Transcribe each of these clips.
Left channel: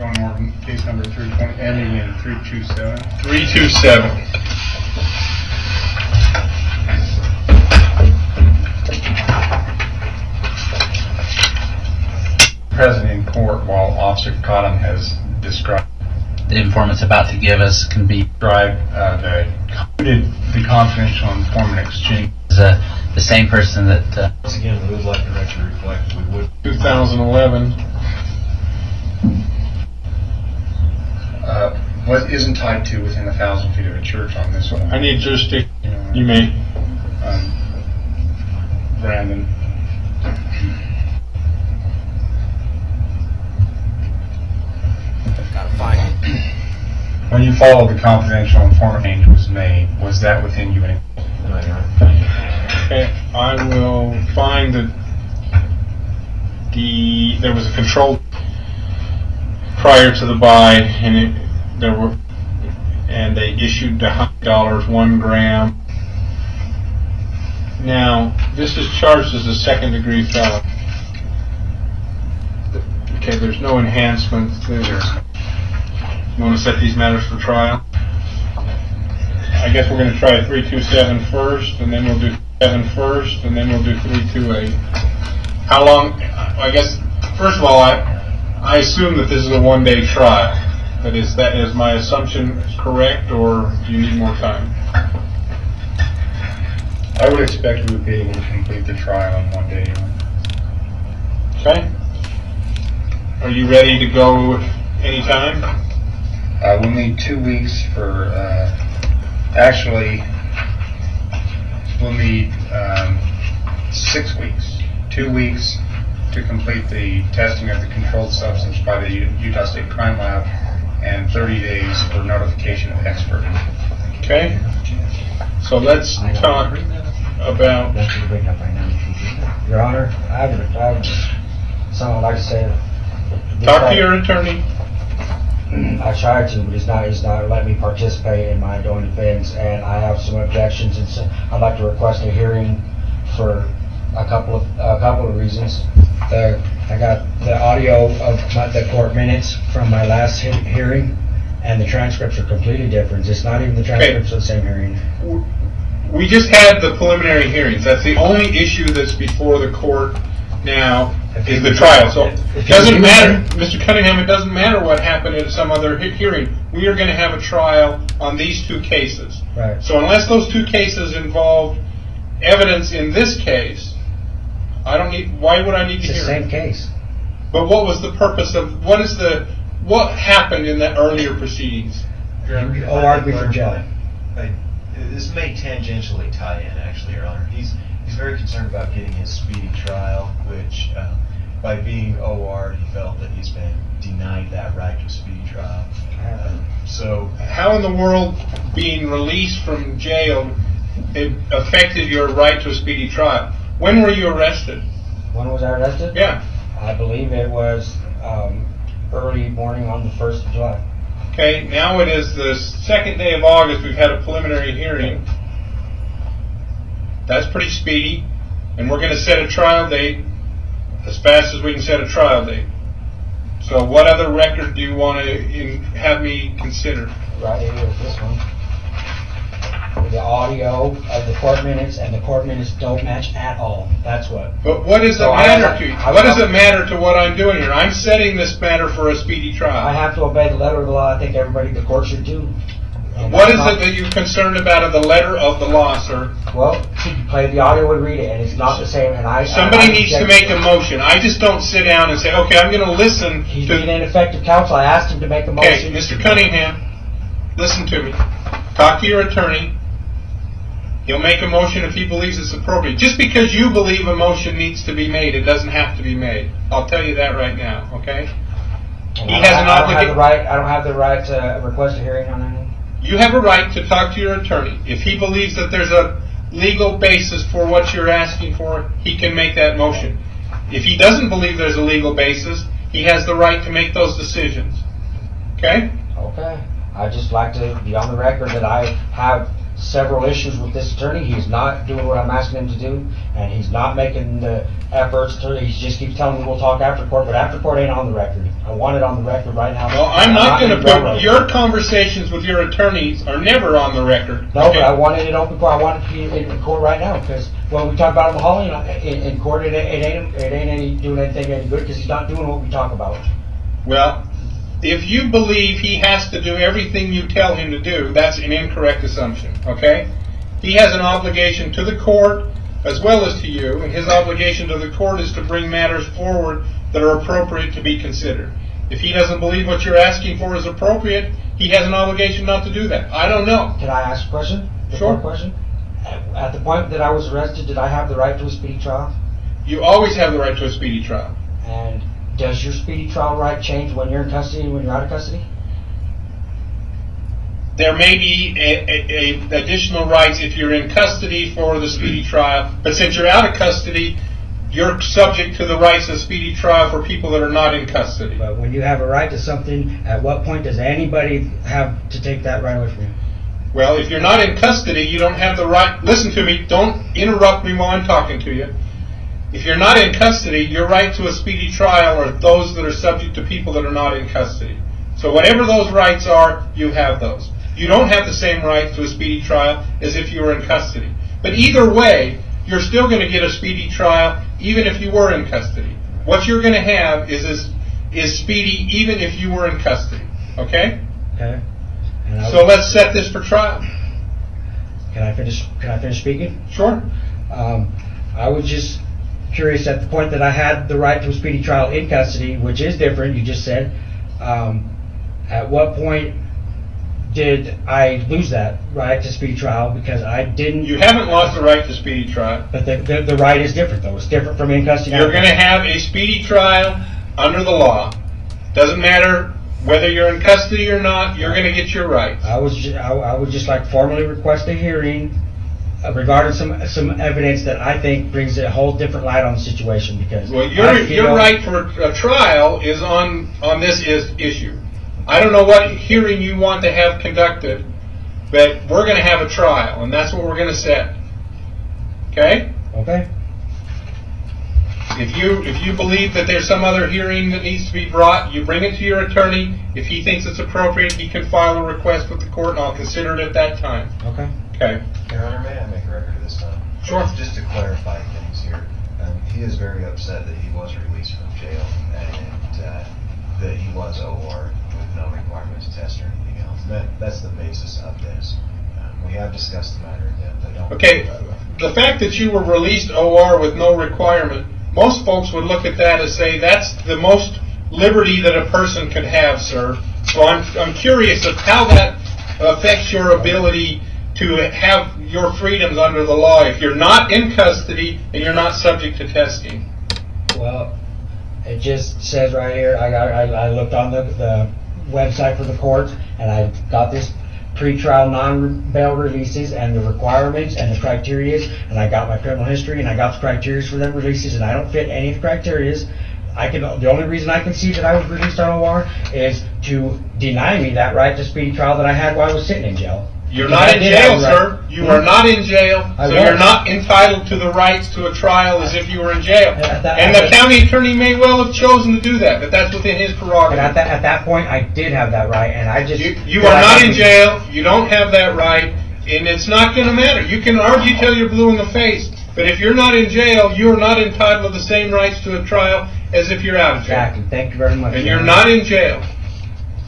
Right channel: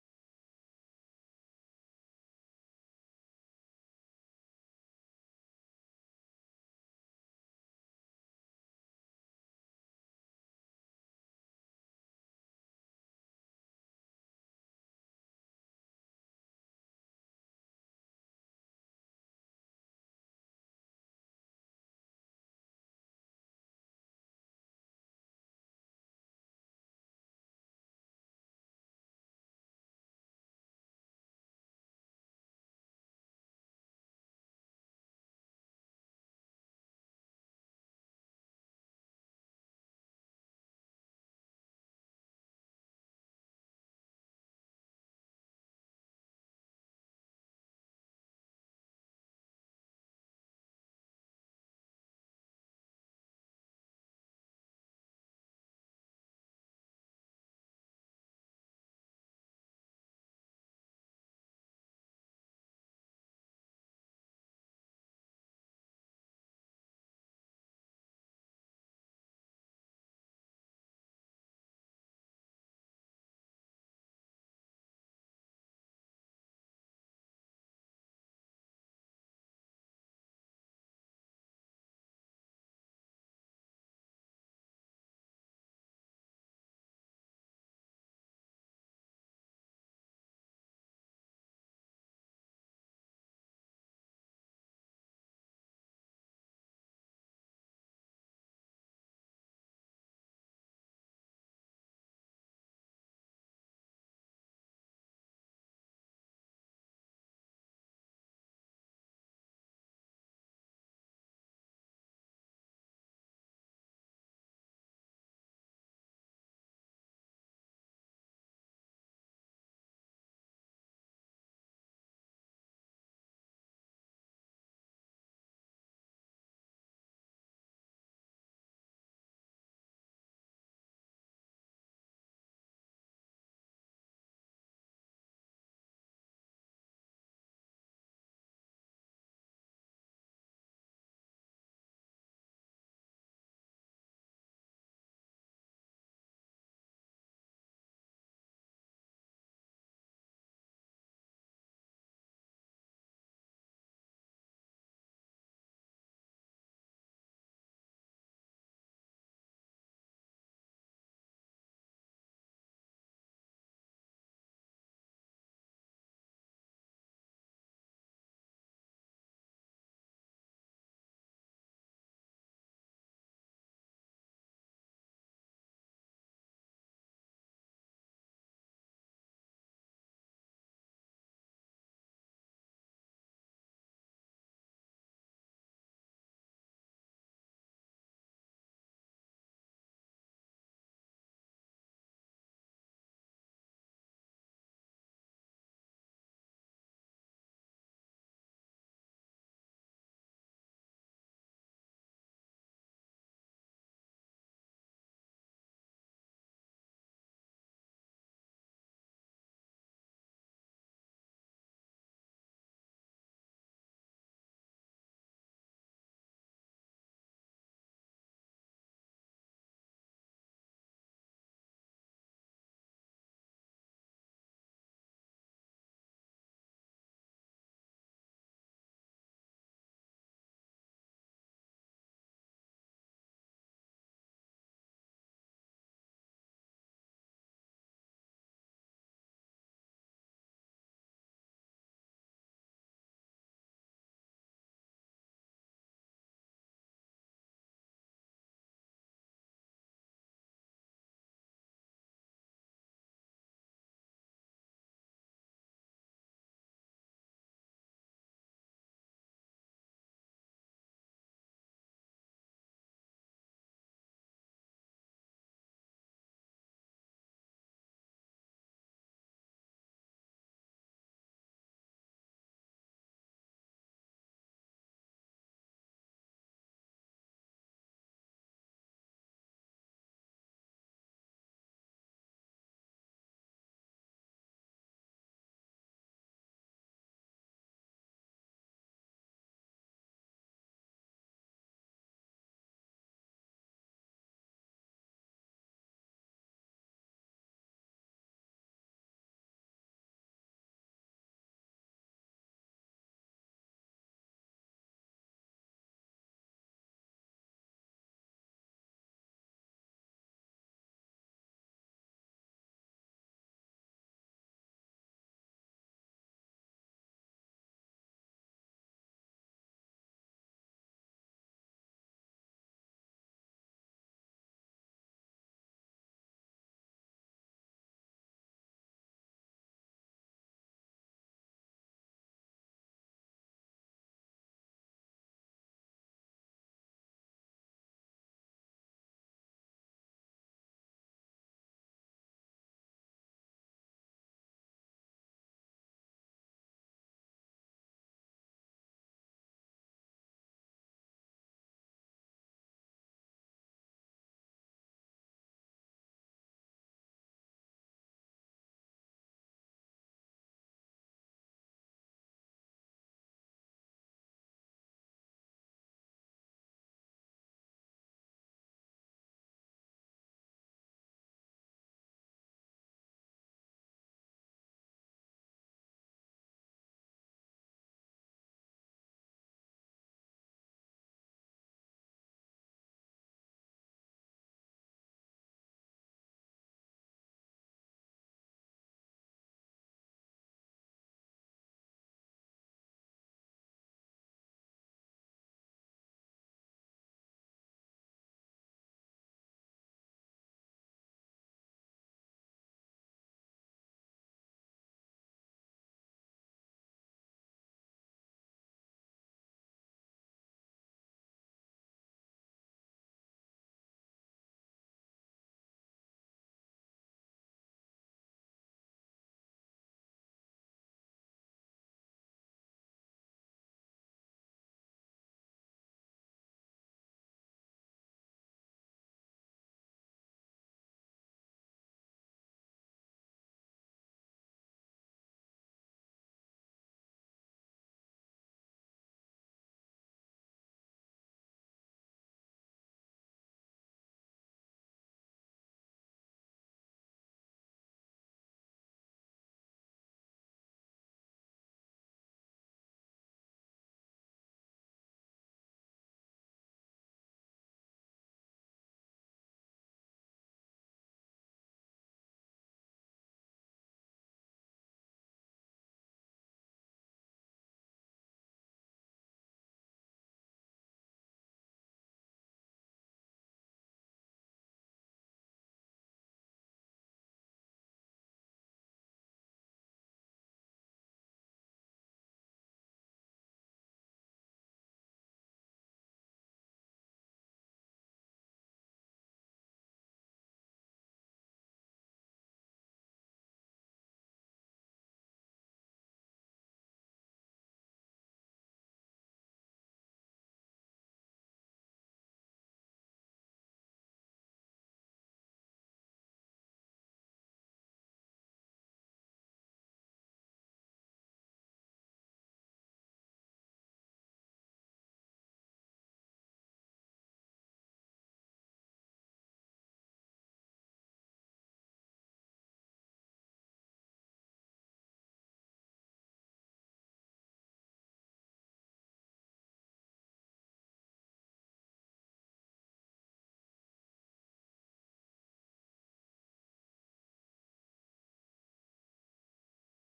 Morgan, case number 320, ending in 327. 327. Present in court while Officer Cotton has described the informant's about to give us can be the confidential informant exchange. The same person that Once again, we would like the record to reflect we would. 2011. What isn't tied to within 1,000 feet of a church on this one? I need jurisdiction. You may. Brandon. Gotta find it. When you followed the confidential informant change was made, was that within you? Okay, I will find that there was a control prior to the buy, and they issued the $100, 1 gram. Now, this is charged as a second-degree felony. Okay, there's no enhancement. You want to set these matters for trial? I guess we're going to try 327 first, and then we'll do 7 first, and then we'll do 328. How long? I guess, first of all, I assume that this is a one-day trial. But is my assumption correct, or do you need more time? I would expect we would be able to complete the trial in 1 day. Okay. Are you ready to go anytime? We'll need 2 weeks for, actually, we'll need 6 weeks. 2 weeks to complete the testing of the controlled substance by the Utah State Crime Lab, and 30 days for notification of expert. Okay. So let's talk about. Your Honor, I have something I'd like to say. Talk to your attorney. I tried to, but he's not letting me participate in my own defense, and I have some objections, and so I'd like to request a hearing for a couple of reasons. I got the audio of the court minutes from my last hearing, and the transcripts are completely different. It's not even the transcripts of the same hearing. We just had the preliminary hearings. That's the only issue that's before the court now is the trial. So it doesn't matter, Mr. Cunningham, it doesn't matter what happened at some other hearing. We are going to have a trial on these 2 cases. Right. So unless those 2 cases involve evidence in this case, why would I need to hear it? It's the same case. But what was the purpose of, what happened in the earlier proceedings? argue for jail. This may tangentially tie in, actually, Your Honor. He's very concerned about getting his speedy trial, which, by being OR, he felt that he's been denied that right to a speedy trial. So, how in the world being released from jail it affected your right to a speedy trial? When were you arrested? When was I arrested? Yeah. I believe it was early morning on the 1st of July. Okay, now it is the 2nd day of August. We've had a preliminary hearing. That's pretty speedy. And we're going to set a trial date as fast as we can set a trial date. So what other record do you want to have me consider? Right here with this one. The audio of the court minutes, and the court minutes don't match at all. That's what. But what does it matter to you? What does it matter to what I'm doing here? I'm setting this matter for a speedy trial. I have to obey the letter of the law. I think everybody, the court should do. What is it that you're concerned about in the letter of the law, sir? Well, play the audio and read it, and it's not the same. And somebody needs to make a motion. I just don't sit down and say, okay, I'm going to listen. He's being ineffective counsel. I asked him to make a motion. Okay, Mr. Cunningham, listen to me. Talk to your attorney. He'll make a motion if he believes it's appropriate. Just because you believe a motion needs to be made, it doesn't have to be made. I'll tell you that right now, okay? He has an obligation. I don't have the right to request a hearing on anything. You have a right to talk to your attorney. If he believes that there's a legal basis for what you're asking for, he can make that motion. If he doesn't believe there's a legal basis, he has the right to make those decisions. Okay? Okay. I'd just like to be on the record that I have several issues with this attorney. He's not doing what I'm asking him to do, and he's not making the efforts to, he just keeps telling me we'll talk after court, but after court ain't on the record. I want it on the record right now. Well, I'm not going to put, your conversations with your attorneys are never on the record. No, but I wanted it open court. I want it to be in court right now, because when we talk about him hauling in court, it ain't doing anything any good, because he's not doing what we talk about. Well, if you believe he has to do everything you tell him to do, that's an incorrect assumption, okay? He has an obligation to the court as well as to you, and his obligation to the court is to bring matters forward that are appropriate to be considered. If he doesn't believe what you're asking for is appropriate, he has an obligation not to do that. I don't know. Can I ask a question? Sure. Question? At the point that I was arrested, did I have the right to a speedy trial? You always have the right to a speedy trial. And does your speedy trial right change when you're in custody and when you're out of custody? There may be additional rights if you're in custody for the speedy trial, but since you're out of custody, you're subject to the rights of speedy trial for people that are not in custody. But when you have a right to something, at what point does anybody have to take that right away from you? Well, if you're not in custody, you don't have the right. Listen to me. Don't interrupt me while I'm talking to you. If you're not in custody, your right to a speedy trial are those that are subject to people that are not in custody. So whatever those rights are, you have those. You don't have the same right to a speedy trial as if you were in custody. But either way, you're still going to get a speedy trial even if you were in custody. What you're going to have is speedy even if you were in custody. Okay? Okay. So let's set this for trial. Can I finish speaking? Sure. I was just curious, at the point that I had the right to a speedy trial in custody, which is different, you just said, at what point did I lose that right to speedy trial? Because I didn't. You haven't lost the right to speedy trial. But the right is different, though. It's different from in custody. You're going to have a speedy trial under the law. Doesn't matter whether you're in custody or not. You're going to get your rights. I would just like to formally request a hearing regarding some evidence that I think brings a whole different light on the situation. Because well, your right for a trial is on this issue. I don't know what hearing you want to have conducted, but we're going to have a trial, and that's what we're going to set. Okay? Okay. If you believe that there's some other hearing that needs to be brought, you bring it to your attorney. If he thinks it's appropriate, he can file a request with the court, and I'll consider it at that time. Okay. Okay. Your Honor, may I make a record of this time? Sure. Just to clarify things here, he is very upset that he was released from jail and that he was OR with no requirement to test or anything else. That's the basis of this. We have discussed the matter in depth. I don't. Okay. The fact that you were released OR with no requirement, most folks would look at that and say that's the most liberty that a person could have, sir. So I'm curious of how that affects your ability to have your freedoms under the law if you're not in custody and you're not subject to testing. Well, it just says right here, I looked on the website for the court, and I got this pre-trial non-bail releases and the requirements and the criterias, and I got my criminal history and I got the criterias for them releases, and I don't fit any of the criterias. The only reason I can see that I was released on OR is to deny me that right to speedy trial that I had while I was sitting in jail. You're not in jail, sir. You are not in jail, so you're not entitled to the rights to a trial as if you were in jail. And the county attorney may well have chosen to do that, but that's within his prerogative. But at that point, I did have that right, and I just... You are not in jail, you don't have that right, and it's not going to matter. You can argue till you're blue in the face, but if you're not in jail, you are not entitled to the same rights to a trial as if you're out of jail. Exactly. Thank you very much. And you're not in jail.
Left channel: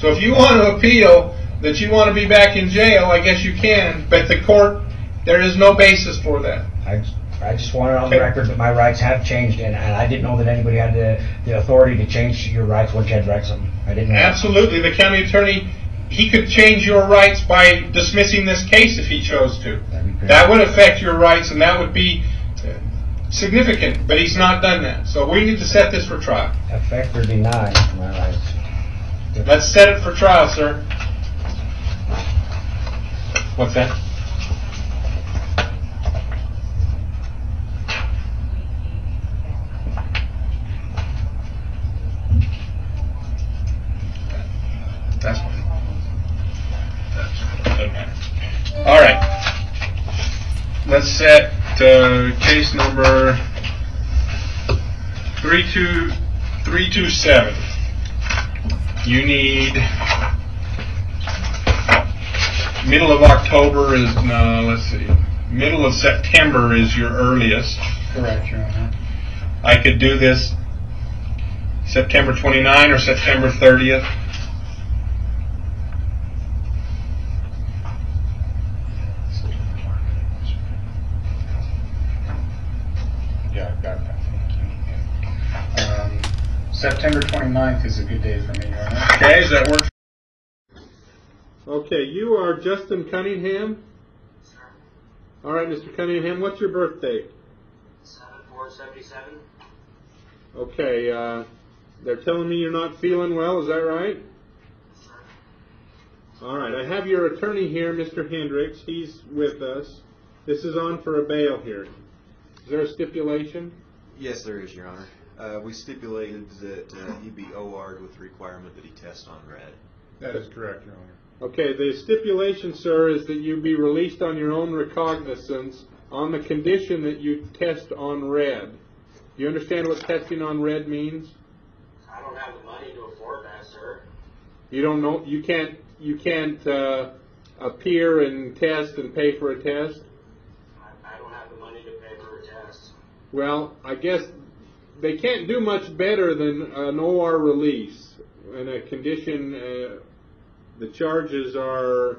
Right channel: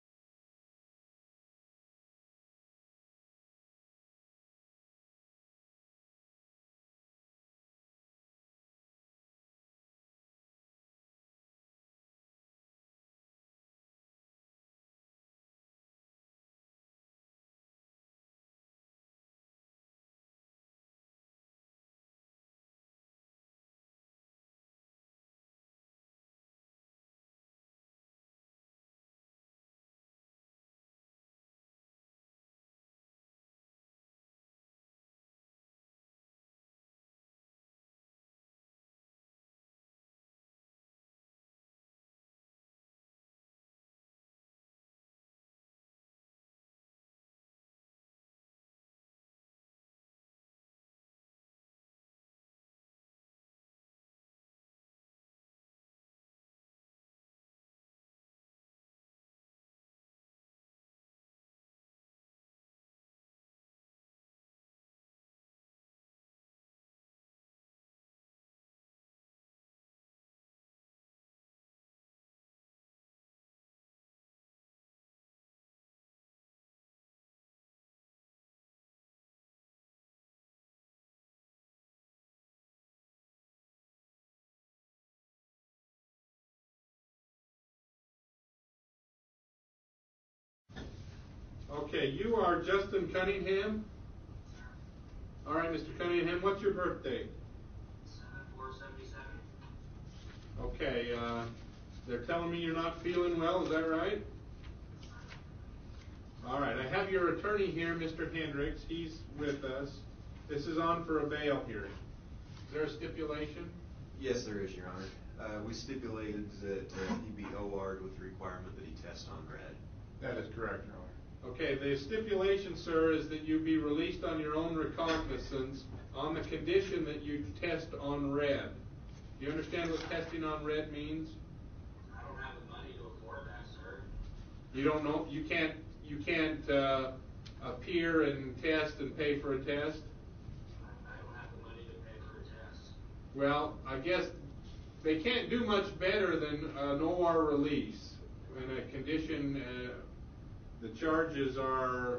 So if you want to appeal that you want to be back in jail, I guess you can, but the court, there is no basis for that. I just want it on the record that my rights have changed, and I didn't know that anybody had the authority to change your rights once you had to write something. I didn't know. Absolutely. The county attorney, he could change your rights by dismissing this case if he chose to. That would affect your rights, and that would be significant, but he's not done that. So we need to set this for trial. Affect or deny my rights. Let's set it for trial, sir. What's that? That's fine. Doesn't matter. All right. let's set case number 327. You need middle of October is, no, let's see, middle of September is your earliest. Correct, Your Honor. I could do this September 29 or September 30th. Yeah, I've got that. September 29th is a good day for me, Your Honor. Okay, does that work? Okay, you are Justin Cunningham? All right, Mr. Cunningham, what's your birthday? 7/4/77. Okay, they're telling me you're not feeling well, is that right? All right, I have your attorney here, Mr. Hendricks. He's with us. This is on for a bail hearing. Is there a stipulation? Yes, there is, Your Honor. We stipulated that he be OR'd with the requirement that he test on red. That is correct, Your Honor. Okay, the stipulation, sir, is that you be released on your own recognizance on the condition that you test on red. Do you understand what testing on red means? I don't have the money to afford that, sir. You don't know? You can't appear and test and pay for a test? I don't have the money to pay for a test. Well, I guess they can't do much better than an OR release. In a condition, the charges are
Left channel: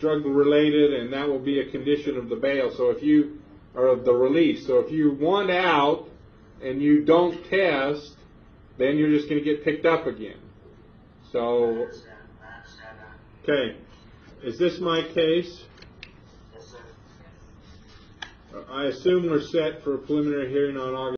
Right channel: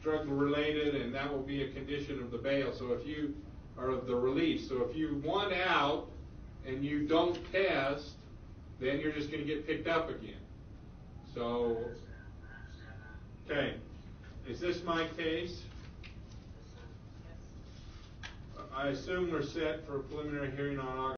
drug related, and that will be a condition of the bail. So if you, or of the release. So if you want out and you don't test, then you're just going to get picked up again. I So, understand that. okay, is this my case? Yes, sir. I assume we're set for a preliminary hearing on August